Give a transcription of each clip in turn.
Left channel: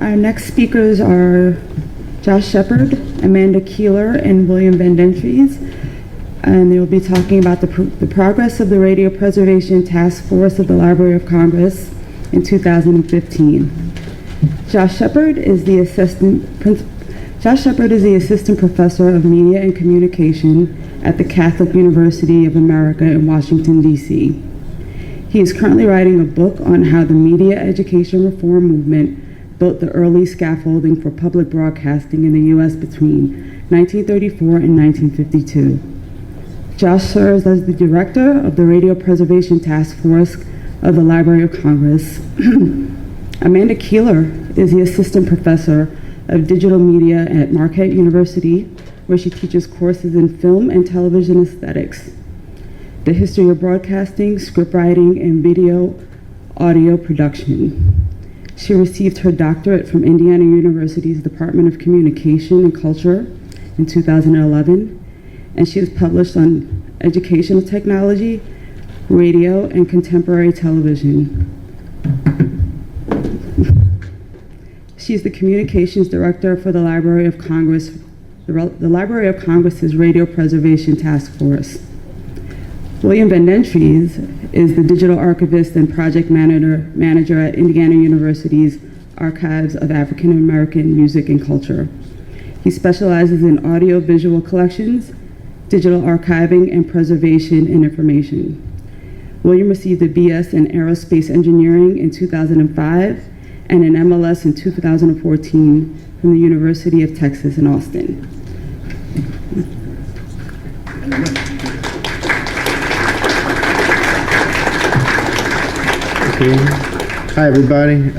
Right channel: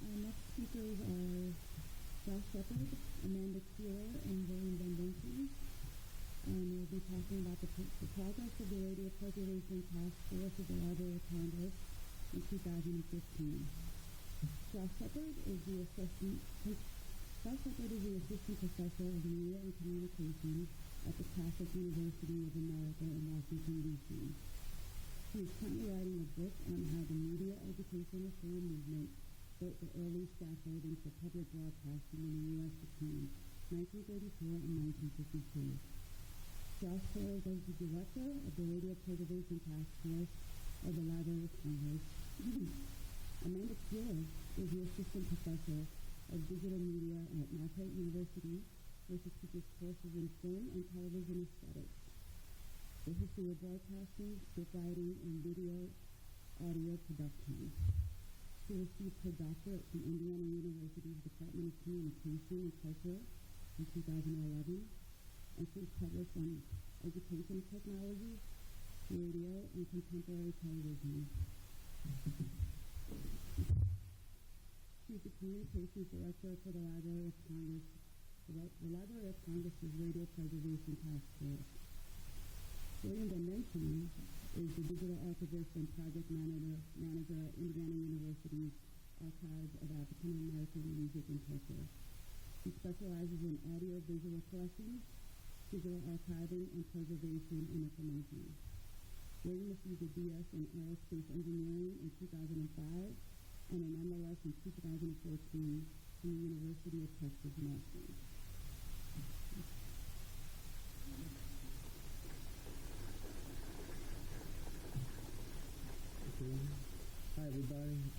Our next speakers are Josh Shepperd, Amanda Keeler, and William Bendentrins, and they will be talking about the progress of the Radio Preservation Task Force of the Library of Congress in 2015. Josh Shepperd is the assistant professor of media and communication at the Catholic University of America in Washington, D.C. He is currently writing a book on how the media education reform movement built the early scaffolding for public broadcasting in the U.S. between 1934 and 1952. Josh serves as the director of the Radio Preservation Task Force of the Library of Congress. Amanda Keeler is the assistant professor of digital media at Marquette University, where she teaches courses in film and television aesthetics, the history of broadcasting, scriptwriting, and video audio production. She received her doctorate from Indiana University's Department of Communication and Culture in 2011, and she has published on educational technology, radio, and contemporary television. She's the communications director for the Library of Congress, the Library of Congress's Radio Preservation Task Force. William Bendentrins is the digital archivist and project manager at Indiana University's Archives of African American Music and Culture. He specializes in audio-visual collections, digital archiving, and preservation and information. William received a BS in Aerospace Engineering in 2005 and an MLS in 2014 from the University of Texas in Austin. Okay. Hi, everybody.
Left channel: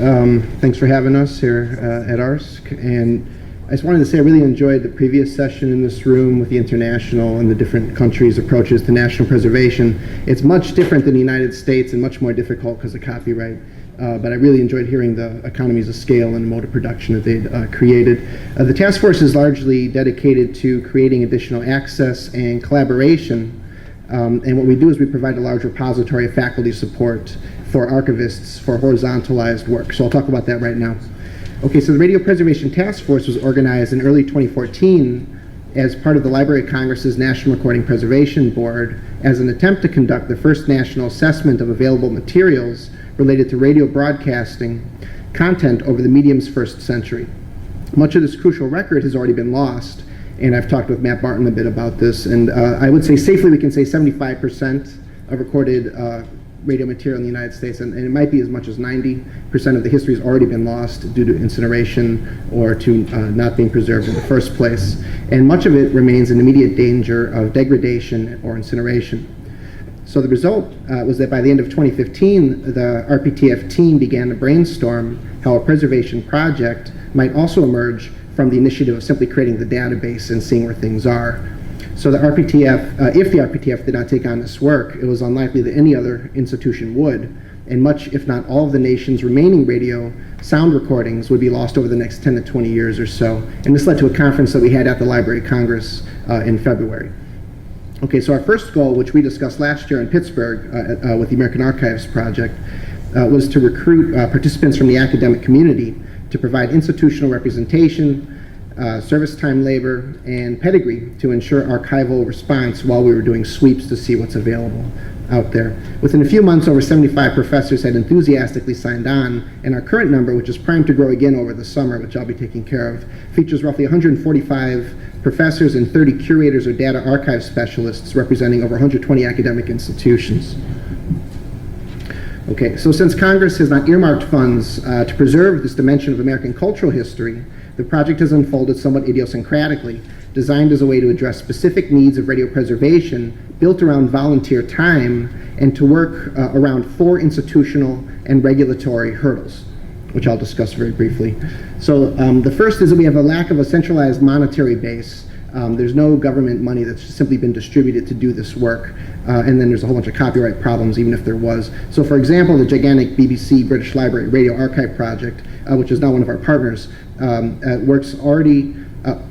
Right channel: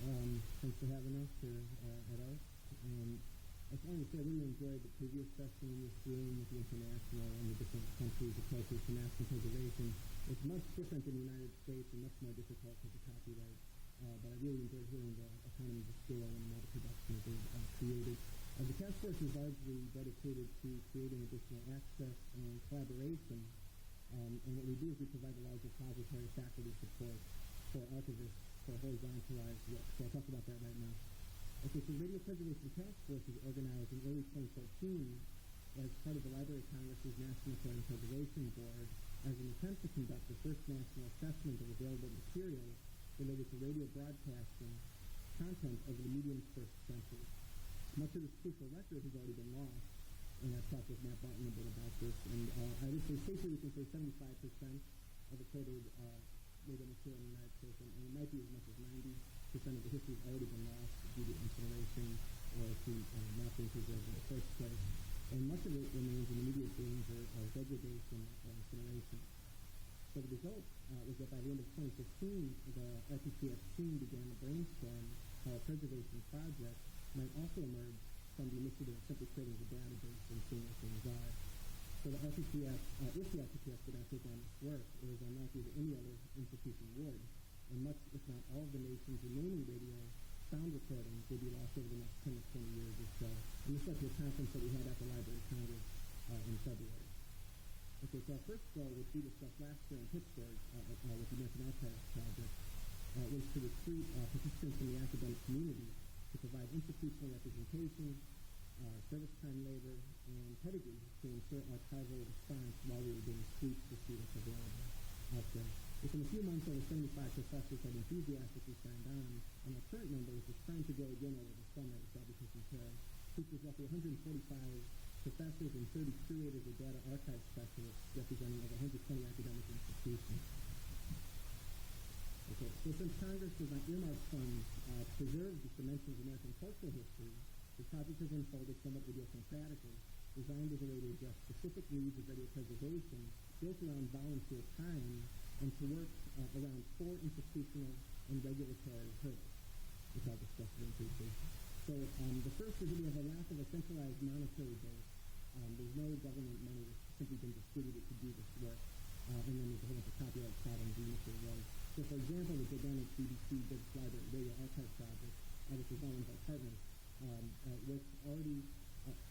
Thanks for having us here at ARSC. And I just wanted to say I really enjoyed the previous session in this room with the international and the different countries' approaches to national preservation. It's much different than the United States and much more difficult because of copyright. But I really enjoyed hearing the economies of scale and mode of production that they'd created. The task force is largely dedicated to creating additional access and collaboration. And what we do is we provide a large repository of faculty support for archivists for horizontalized work. So I'll talk about that right now. Okay, so the Radio Preservation Task Force was organized in early 2014 as part of the Library of Congress's National Recording Preservation Board as an attempt to conduct the first national assessment of available materials related to radio broadcasting content over the medium's first century. Much of this crucial record has already been lost, and I've talked with Matt Barton a bit about this, and I would say safely we can say 75% of recorded radio material in the United States, and it might be as much as 90% of the history has already been lost due to incineration or to not being preserved in the first place. And much of it remains in immediate danger of degradation or incineration. So the result was that by the end of 2015, the RPTF team began to brainstorm how a preservation project might also emerge from the initiative of simply creating the database and seeing where things are. So the RPTF, if the RPTF did not take on this work, it was unlikely that any other institution would, and much, if not all, of the nation's remaining radio sound recordings would be lost over the next 10 to 20 years or so. And this led to a conference that we had at the Library of Congress in February. Okay, so our first goal, which we discussed last year in Pittsburgh with the American Archives Project, was to recruit participants from the academic community to provide institutional representation, service time labor, and pedigree to ensure archival response while we were doing sweeps to see what's available out there. Within a few months, over 75 professors had enthusiastically signed on, and our current number, which is primed to grow again over the summer, which I'll be taking care of, features roughly 145 professors and 30 curators or data archive specialists representing over 120 academic institutions. Okay, so since Congress has not earmarked funds to preserve this dimension of American cultural history, the project has unfolded somewhat idiosyncratically, designed as a way to address specific needs of radio preservation built around volunteer time and to work around 4 institutional and regulatory hurdles, which I'll discuss very briefly. So the first is that we have a lack of a centralized monetary base. There's no government money that's simply been distributed to do this work. And then there's a whole bunch of copyright problems, even if there was. So for example, the gigantic BBC British Library Radio Archive Project, which is now one of our partners, works already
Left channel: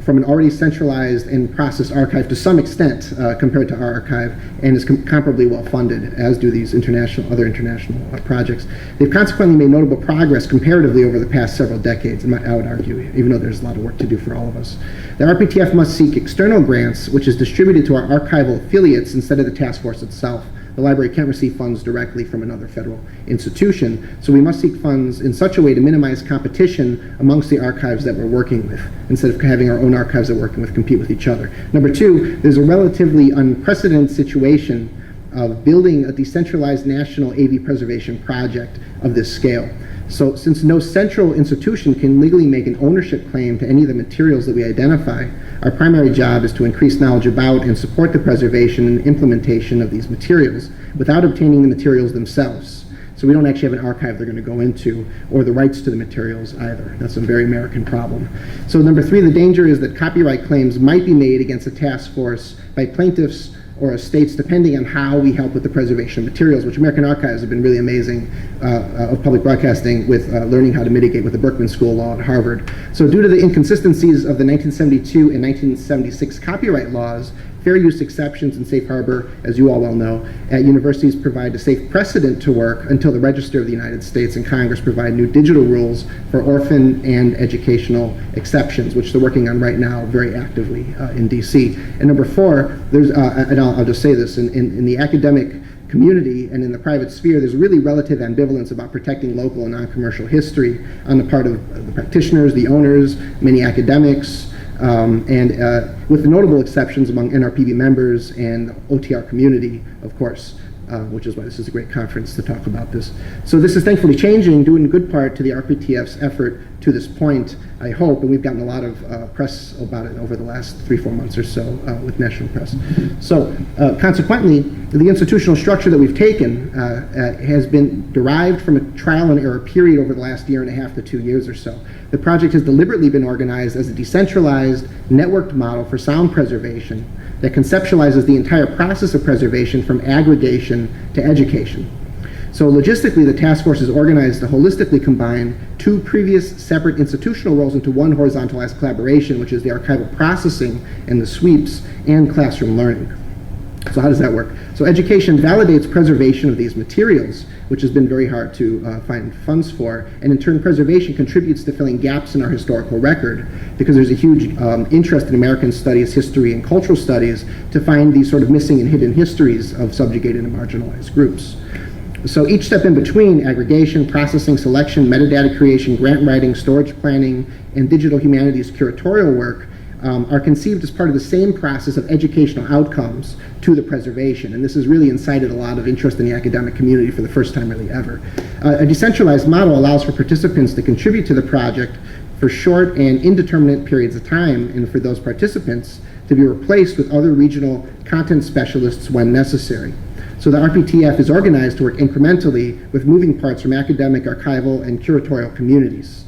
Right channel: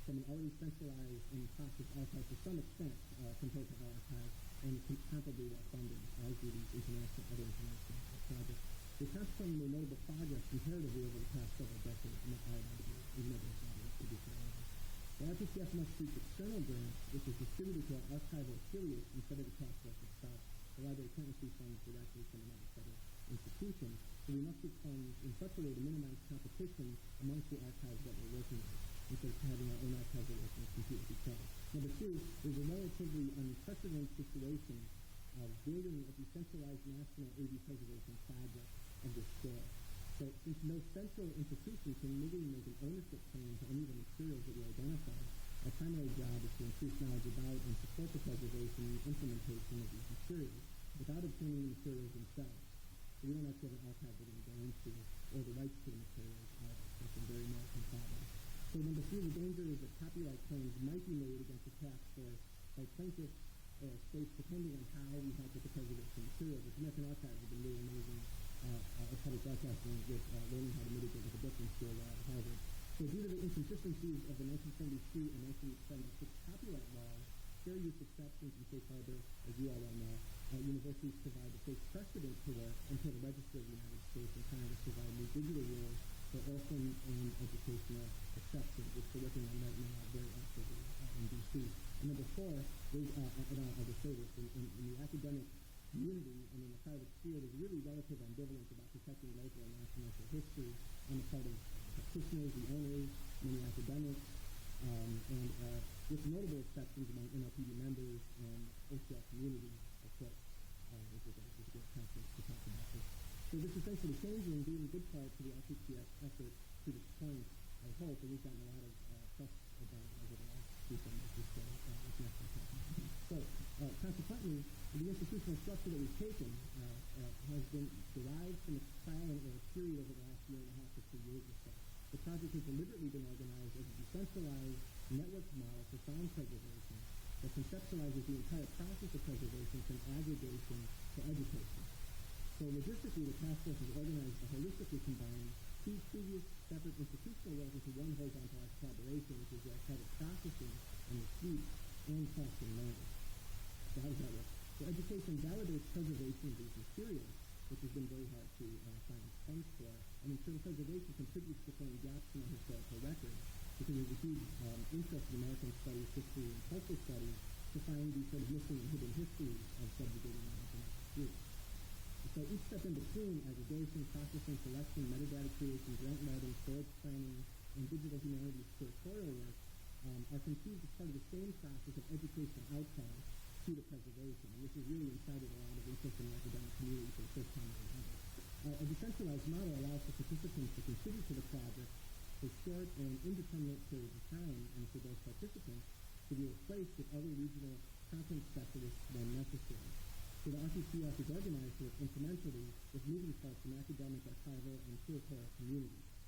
from an already centralized and processed archive to some extent compared to our archive, and is comparably well funded, as do these other international projects. They've consequently made notable progress comparatively over the past several decades, I would argue, even though there's a lot of work to do for all of us. The RPTF must seek external grants, which is distributed to our archival affiliates instead of the task force itself. The library can't receive funds directly from another federal institution, so we must seek funds in such a way to minimize competition amongst the archives that we're working with, instead of having our own archives that we're working with compete with each other. Number two, there's a relatively unprecedented situation of building a decentralized national AV preservation project of this scale. So since no central institution can legally make an ownership claim to any of the materials that we identify, our primary job is to increase knowledge about and support the preservation and implementation of these materials without obtaining the materials themselves. So we don't actually have an archive they're going to go into, or the rights to the materials either. That's a very American problem. So number three, the danger is that copyright claims might be made against a task force by plaintiffs or estates, depending on how we help with the preservation of materials, which American Archives have been really amazing of public broadcasting with learning how to mitigate with the Berkman School of Law at Harvard. So due to the inconsistencies of the 1972 and 1976 copyright laws, fair use exceptions and safe harbor, as you all well know, at universities provide a safe precedent to work until the Register of the United States and Congress provide new digital rules for orphan and educational exceptions, which they're working on right now very actively in DC. And number four, there's, and I'll just say this, in the academic community and in the private sphere, there's really relative ambivalence about protecting local and non-commercial history on the part of the practitioners, the owners, many academics, with the notable exceptions among NRPB members and the OTR community, of course, which is why this is a great conference to talk about this. So this is thankfully changing, due in good part to the RPTF's effort to this point, I hope, and we've gotten a lot of press about it over the last 3-4 months or so with national press. So consequently, the institutional structure that we've taken has been derived from a trial and error period over the last 1.5 to 2 years or so. The project has deliberately been organized as a decentralized, networked model for sound preservation that conceptualizes the entire process of preservation from aggregation to education. So logistically, the task force is organized to holistically combine two previous separate institutional roles into one horizontalized collaboration, which is the archival processing and the sweeps and classroom learning. So how does that work? So education validates preservation of these materials, which has been very hard to find funds for, and in turn preservation contributes to filling gaps in our historical record, because there's a huge interest in American studies, history, and cultural studies to find these sort of missing and hidden histories of subjugated and marginalized groups. So each step in between, aggregation, processing, selection, metadata creation, grant writing, storage planning, and digital humanities curatorial work, are conceived as part of the same process of educational outcomes to the preservation. And this has really incited a lot of interest in the academic community for the first time really ever. A decentralized model allows for participants to contribute to the project for short and indeterminate periods of time, and for those participants to be replaced with other regional content specialists when necessary. So the RPTF is organized to work incrementally with moving parts from academic, archival, and curatorial communities.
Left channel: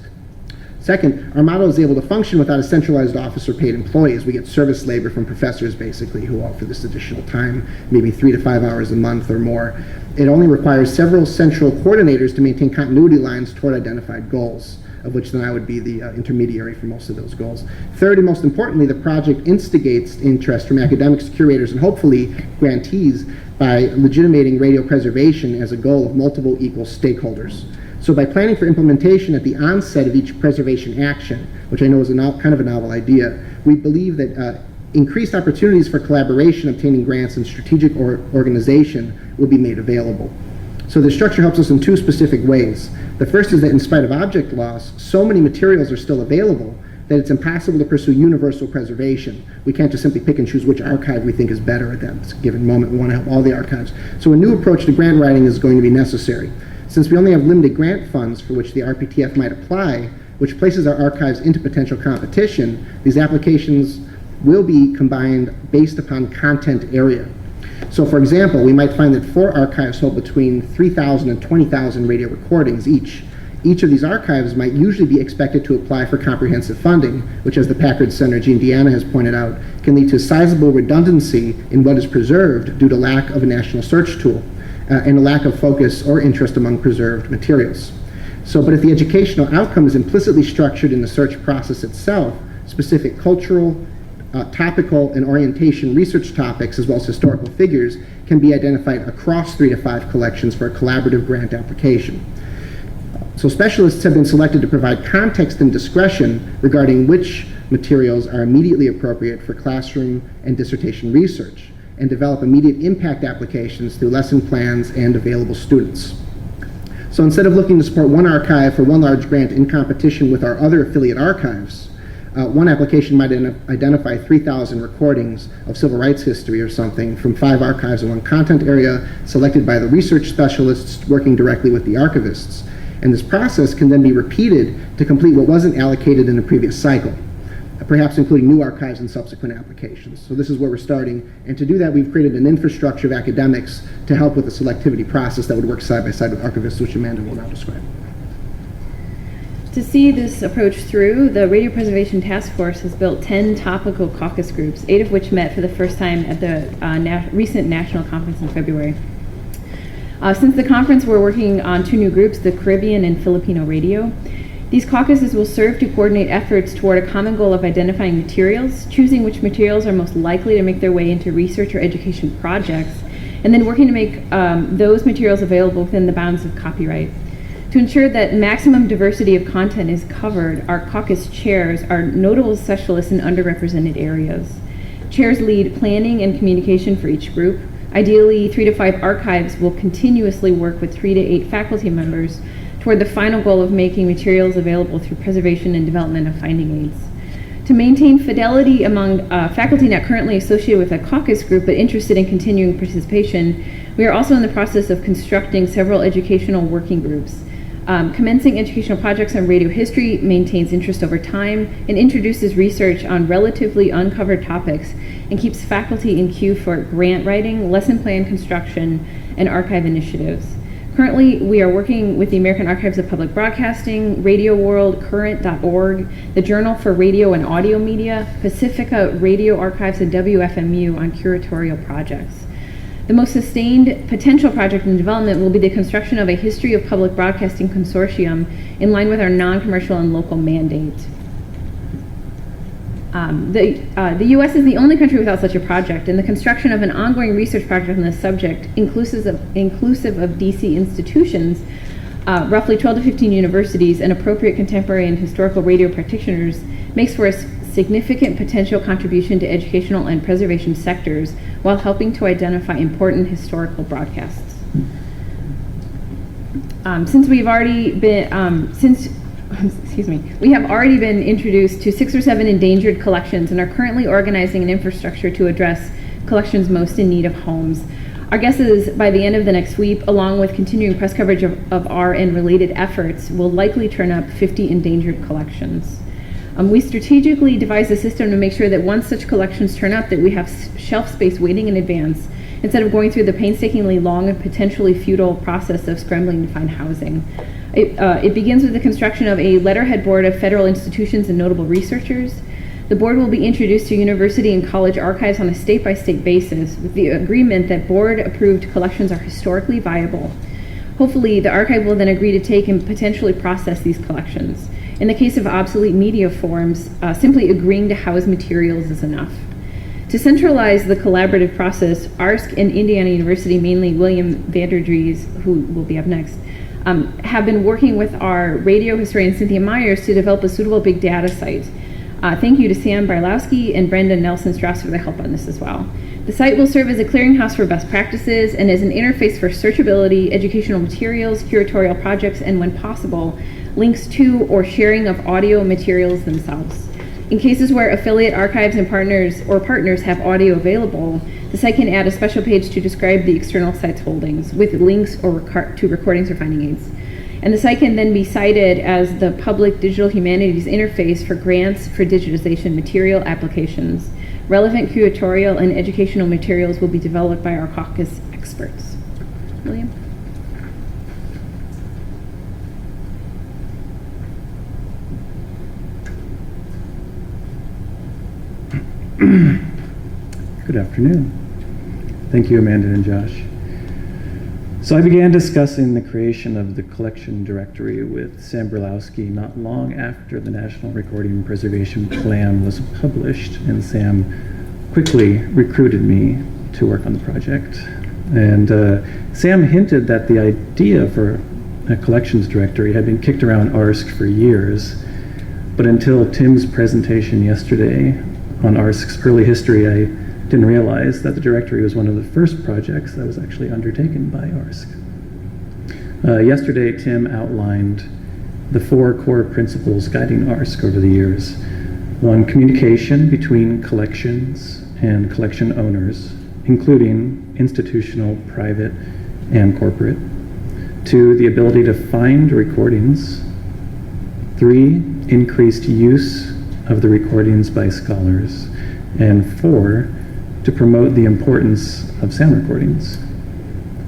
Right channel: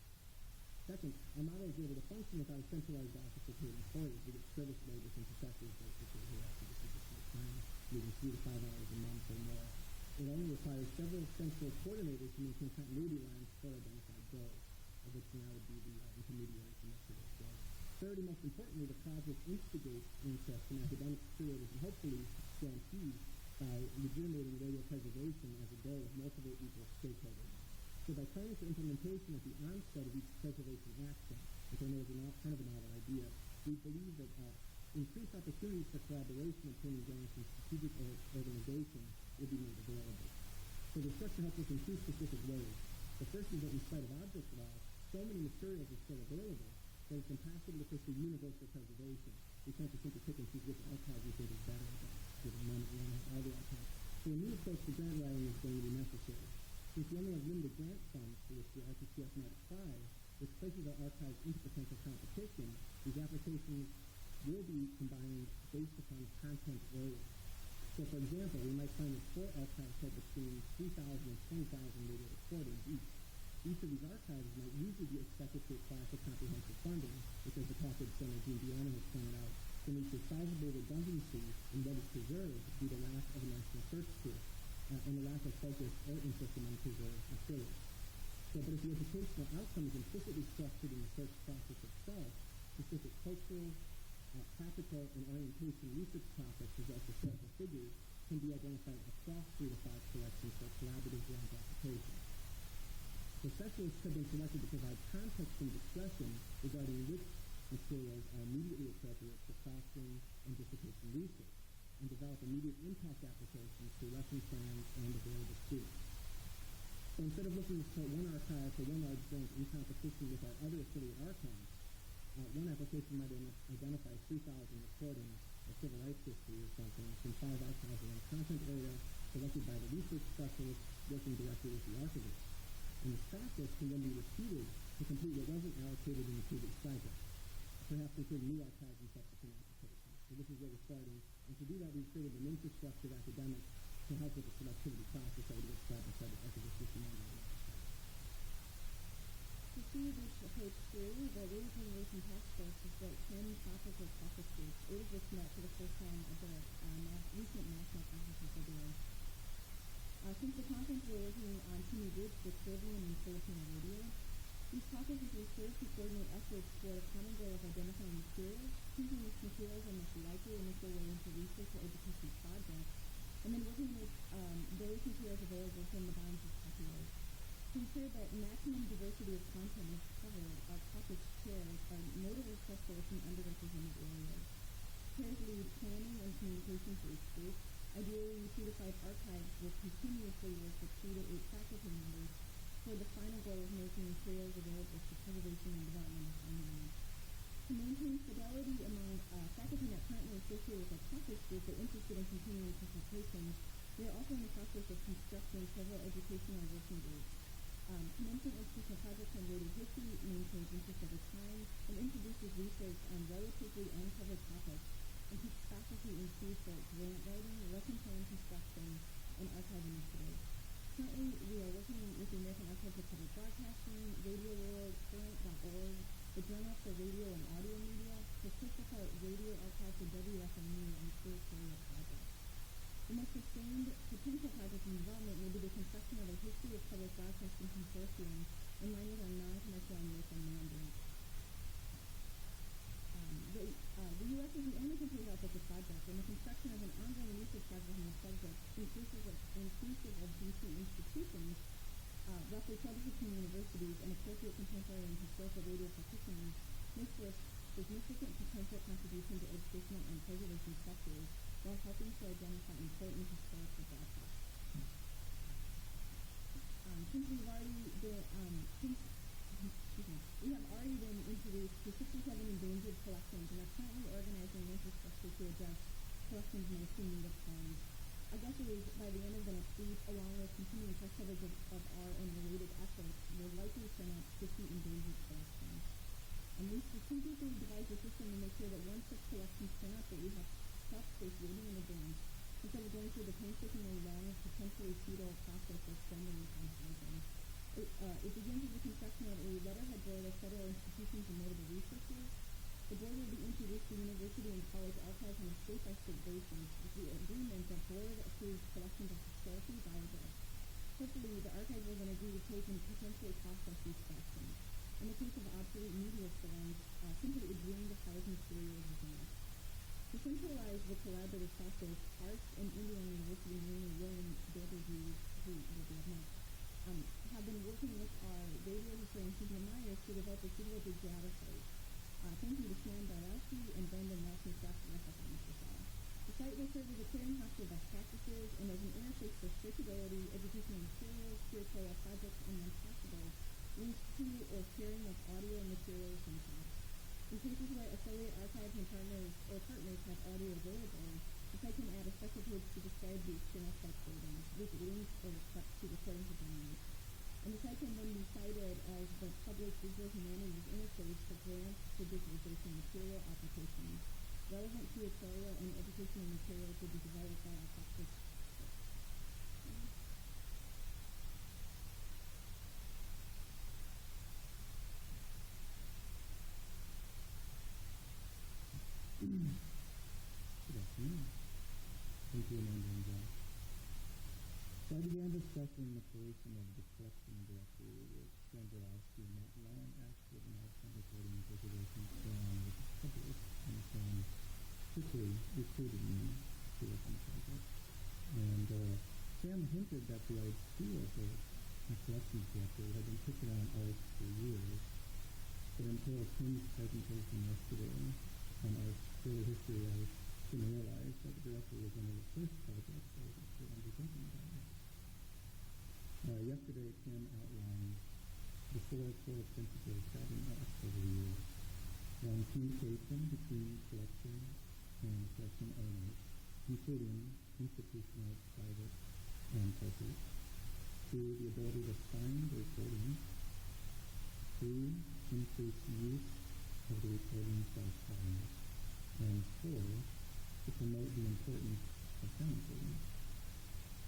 Second, our model is able to function without a centralized office or paid employees. We get service labor from professors, basically, who offer this additional time, maybe 3 to 5 hours a month or more. It only requires several central coordinators to maintain continuity lines toward identified goals, of which then I would be the intermediary for most of those goals. Third, and most importantly, the project instigates interest from academics, curators, and hopefully grantees by legitimating radio preservation as a goal of multiple equal stakeholders. So by planning for implementation at the onset of each preservation action, which I know is kind of a novel idea, we believe that increased opportunities for collaboration, obtaining grants, and strategic organization will be made available. So the structure helps us in two specific ways. The first is that in spite of object loss, so many materials are still available that it's impossible to pursue universal preservation. We can't just simply pick and choose which archive we think is better at that given moment. We want to help all the archives. So a new approach to grant writing is going to be necessary. Since we only have limited grant funds for which the RPTF might apply, which places our archives into potential competition, these applications will be combined based upon content area. So for example, we might find that 4 archives hold between 3,000 and 20,000 radio recordings each. Each of these archives might usually be expected to apply for comprehensive funding, which, as the Packard Center, Gene Deanna, has pointed out, can lead to sizable redundancy in what is preserved due to lack of a national search tool and a lack of focus or interest among preserved materials. So, but if the educational outcome is implicitly structured in the search process itself, specific cultural, topical, and orientation research topics, as well as historical figures, can be identified across 3 to 5 collections for a collaborative grant application. So specialists have been selected to provide context and discretion regarding which materials are immediately appropriate for classroom and dissertation research, and develop immediate impact applications through lesson plans and available students. So instead of looking to support one archive for one large grant in competition with our other affiliate archives, one application might identify 3,000 recordings of civil rights history or something from 5 archives in one content area selected by the research specialists working directly with the archivists. And this process can then be repeated to complete what wasn't allocated in the previous cycle, perhaps including new archives and subsequent applications. So this is where we're starting. And to do that, we've created an infrastructure of academics to help with the selectivity process that would work side by side with archivists, which Amanda will now describe. To see this approach through, the Radio Preservation Task Force has built 10 topical caucus groups, 8 of which met for the first time at the recent national conference in February. Since the conference, we're working on 2 new groups, the Caribbean and Filipino Radio. These caucuses will serve to coordinate efforts toward a common goal of identifying materials, choosing which materials are most likely to make their way into research or education projects, and then working to make those materials available within the bounds of copyright. To ensure that maximum diversity of content is covered, our caucus chairs are notable specialists in underrepresented areas. Chairs lead planning and communication for each group. Ideally, 3 to 5 archives will continuously work with 3 to 8 faculty members toward the final goal of making materials available through preservation and development of finding aids. To maintain fidelity among faculty not currently associated with a caucus group but interested in continuing participation, we are also in the process of constructing several educational working groups. Commencing educational projects on radio history maintains interest over time and introduces research on relatively uncovered topics and keeps faculty in queue for grant writing, lesson plan construction, and archive initiatives. Currently, we are working with the American Archives of Public Broadcasting, Radio World, Current.org, the Journal for Radio and Audio Media, Pacifica Radio Archives, and WFMU on curatorial projects. The most sustained potential project in development will be the construction of a History of Public Broadcasting consortium in line with our non-commercial and local mandate. The U.S. is the only country without such a project, and the construction of an ongoing research project on this subject, inclusive of D.C. institutions, roughly 12 to 15 universities, and appropriate contemporary and historical radio practitioners, makes for a significant potential contribution to educational and preservation sectors while helping to identify important historical broadcasts. We have already been introduced to 6 or 7 endangered collections and are currently organizing an infrastructure to address collections most in need of homes. Our guess is by the end of the next week, along with continuing press coverage of our and related efforts, will likely turn up 50 endangered collections. We strategically devised a system to make sure that once such collections turn up, that we have shelf space waiting in advance, instead of going through the painstakingly long and potentially futile process of scrambling to find housing. It begins with the construction of a letterhead board of federal institutions and notable researchers. The board will be introduced to university and college archives on a state-by-state basis with the agreement that board-approved collections are historically viable. Hopefully, the archive will then agree to take and potentially process these collections. In the case of obsolete media forms, simply agreeing to house materials is enough. To centralize the collaborative process, ARSC and Indiana University, mainly William Dries, who will be up next, have been working with our radio historian Cynthia Myers to develop a suitable big data site. Thank you to Sam Brylawski and Brendan Nelson-Strauss for their help on this as well. The site will serve as a clearinghouse for best practices and as an interface for searchability, educational materials, curatorial projects, and when possible, links to or sharing of audio materials themselves. In cases where affiliate archives and partners have audio available, the site can add a special page to describe the external site's holdings with links to recordings or finding aids. And the site can then be cited as the public digital humanities interface for grants for digitization material applications. Relevant curatorial and educational materials will be developed by our caucus experts. William? Good afternoon. Thank you, Amanda and Josh. So I began discussing the creation of the collection directory with Sam Brylawski not long after the National Recording Preservation Plan was published, and Sam quickly recruited me to work on the project. And Sam hinted that the idea for a collections directory had been kicked around ARSC for years, but until Tim's presentation yesterday on ARSC's early history, I didn't realize that the directory was one of the first projects that was actually undertaken by ARSC. Yesterday, Tim outlined the 4 core principles guiding ARSC over the years. 1, communication between collections and collection owners, including institutional, private, and corporate. 2, the ability to find recordings. 3, increased use of the recordings by scholars. And 4, to promote the importance of sound recordings.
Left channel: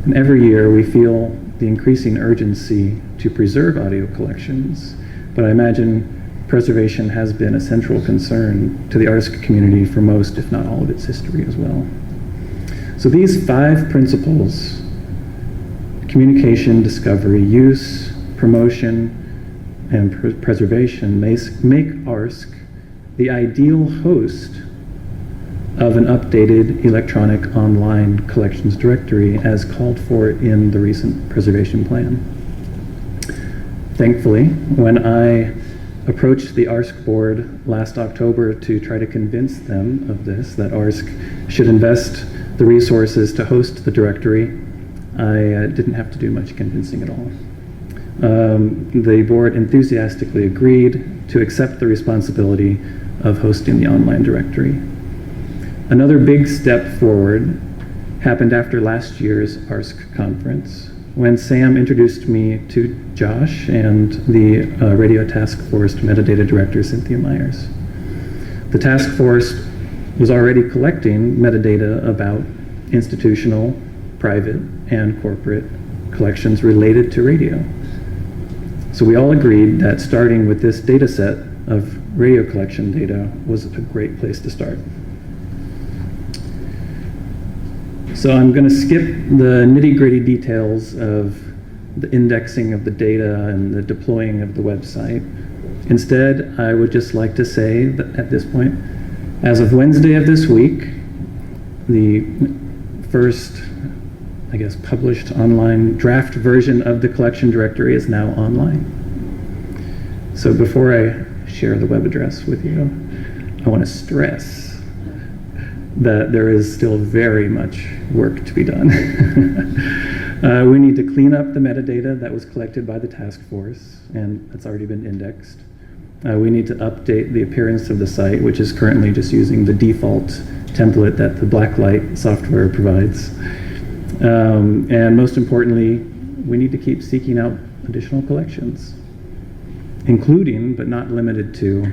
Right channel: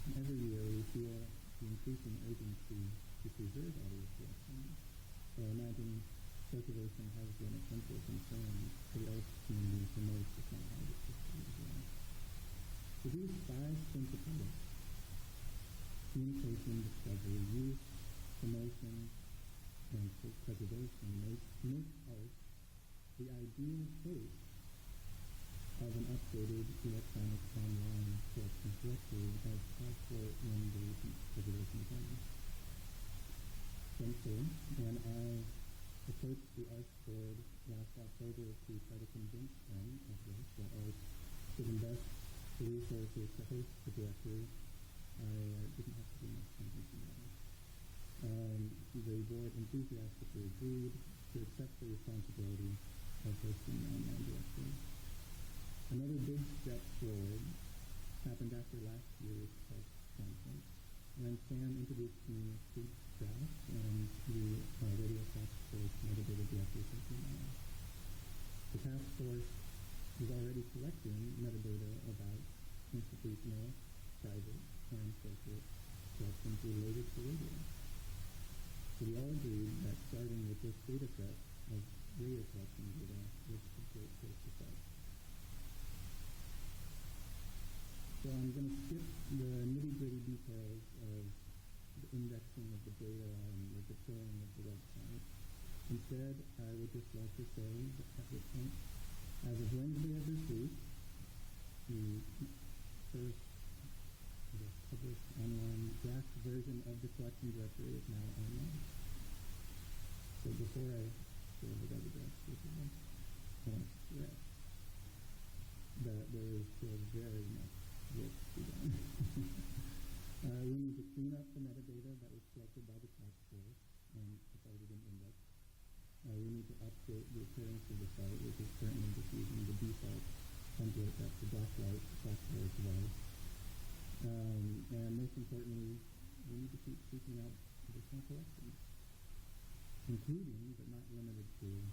And every year we feel the increasing urgency to preserve audio collections, but I imagine preservation has been a central concern to the ARSC community for most, if not all, of its history as well. So these 5 principles, communication, discovery, use, promotion, and preservation, make ARSC the ideal host of an updated electronic online collections directory as called for in the recent preservation plan. Thankfully, when I approached the ARSC board last October to try to convince them of this, that ARSC should invest the resources to host the directory, I didn't have to do much convincing at all. The board enthusiastically agreed to accept the responsibility of hosting the online directory. Another big step forward happened after last year's ARSC conference, when Sam introduced me to Josh and the Radio Task Force Metadata Director, Cynthia Myers. The task force was already collecting metadata about institutional, private, and corporate collections related to radio. So we all agreed that starting with this data set of radio collection data was a great place to start. So I'm going to skip the nitty-gritty details of the indexing of the data and the deploying of the website. Instead, I would just like to say that at this point, as of Wednesday of this week, the first, I guess, published online draft version of the collection directory is now online. So before I share the web address with you, I want to stress that there is still very much work to be done. We need to clean up the metadata that was collected by the task force, and that's already been indexed. We need to update the appearance of the site, which is currently just using the default template that the Blacklight software provides. And most importantly, we need to keep seeking out additional collections, including, but not limited to,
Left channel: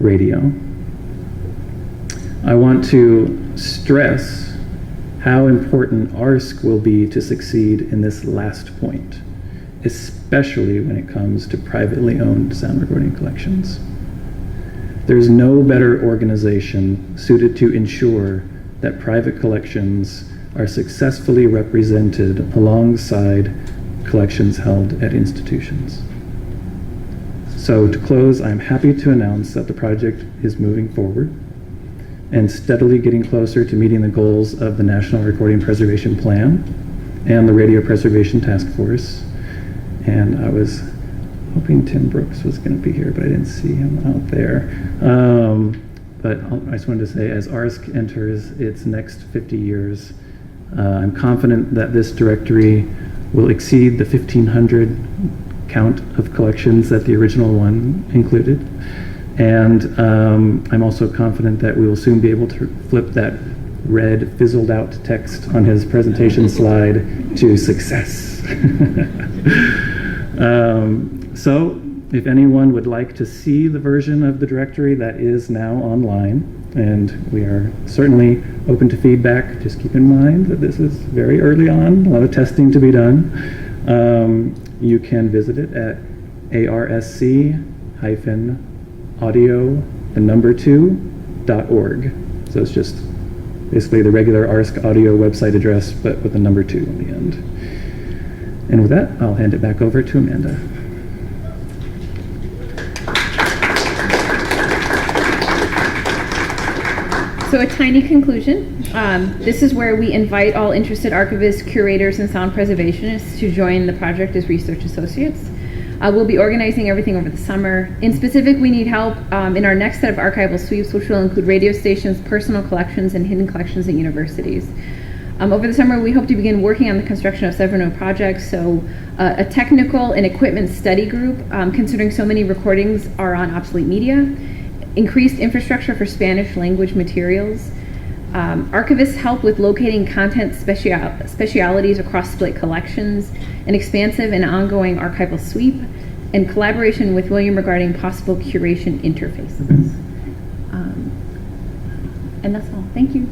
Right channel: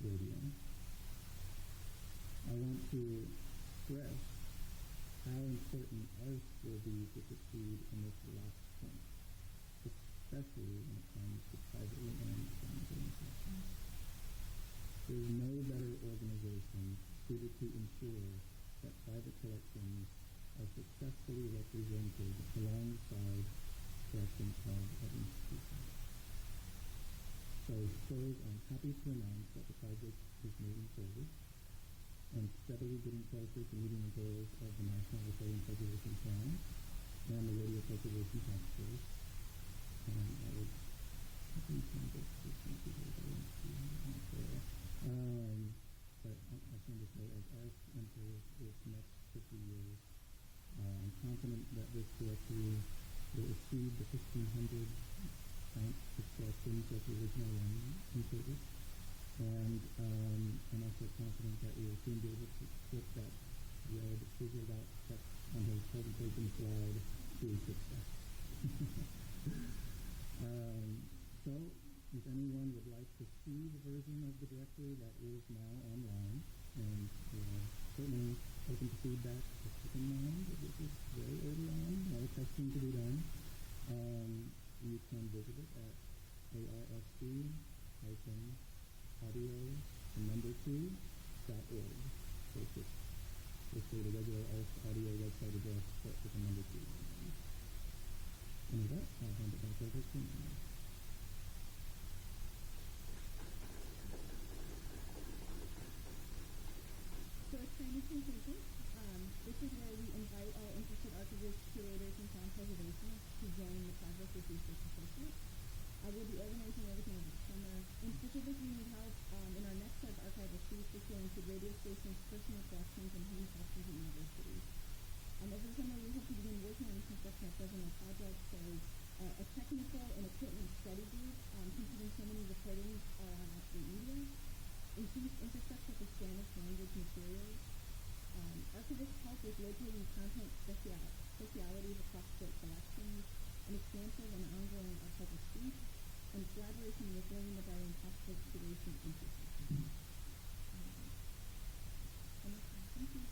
radio. I want to stress how important ARSC will be to succeed in this last point, especially when it comes to privately owned sound recording collections. There's no better organization suited to ensure that private collections are successfully represented alongside collections held at institutions. So to close, I'm happy to announce that the project is moving forward and steadily getting closer to meeting the goals of the National Recording Preservation Plan and the Radio Preservation Task Force. And I was hoping Tim Brooks was going to be here, but I didn't see him out there. But I just wanted to say, as ARSC enters its next 50 years, I'm confident that this directory will exceed the 1,500 count of collections that the original one included. And I'm also confident that we will soon be able to flip that red fizzled out text on his presentation slide to success. So if anyone would like to see the version of the directory that is now online, and we are certainly open to feedback, just keep in mind that this is very early on, a lot of testing to be done. You can visit it at ARSC-audio2.org. So it's just basically the regular ARSC audio website address, but with the number 2 on the end. And with that, I'll hand it back over to Amanda. So a tiny conclusion. This is where we invite all interested archivists, curators, and sound preservationists to join the project as research associates. We'll be organizing everything over the summer. In specific, we need help in our next set of archival sweeps, which will include radio stations, personal collections, and hidden collections at universities. Over the summer, we hope to begin working on the construction of several new projects. So a technical and equipment study group, considering so many recordings are on obsolete media, increased infrastructure for Spanish language materials, archivists help with locating content specialities across split collections, an expansive and ongoing archival sweep, and collaboration with William regarding possible curation interfaces. And that's all. Thank you.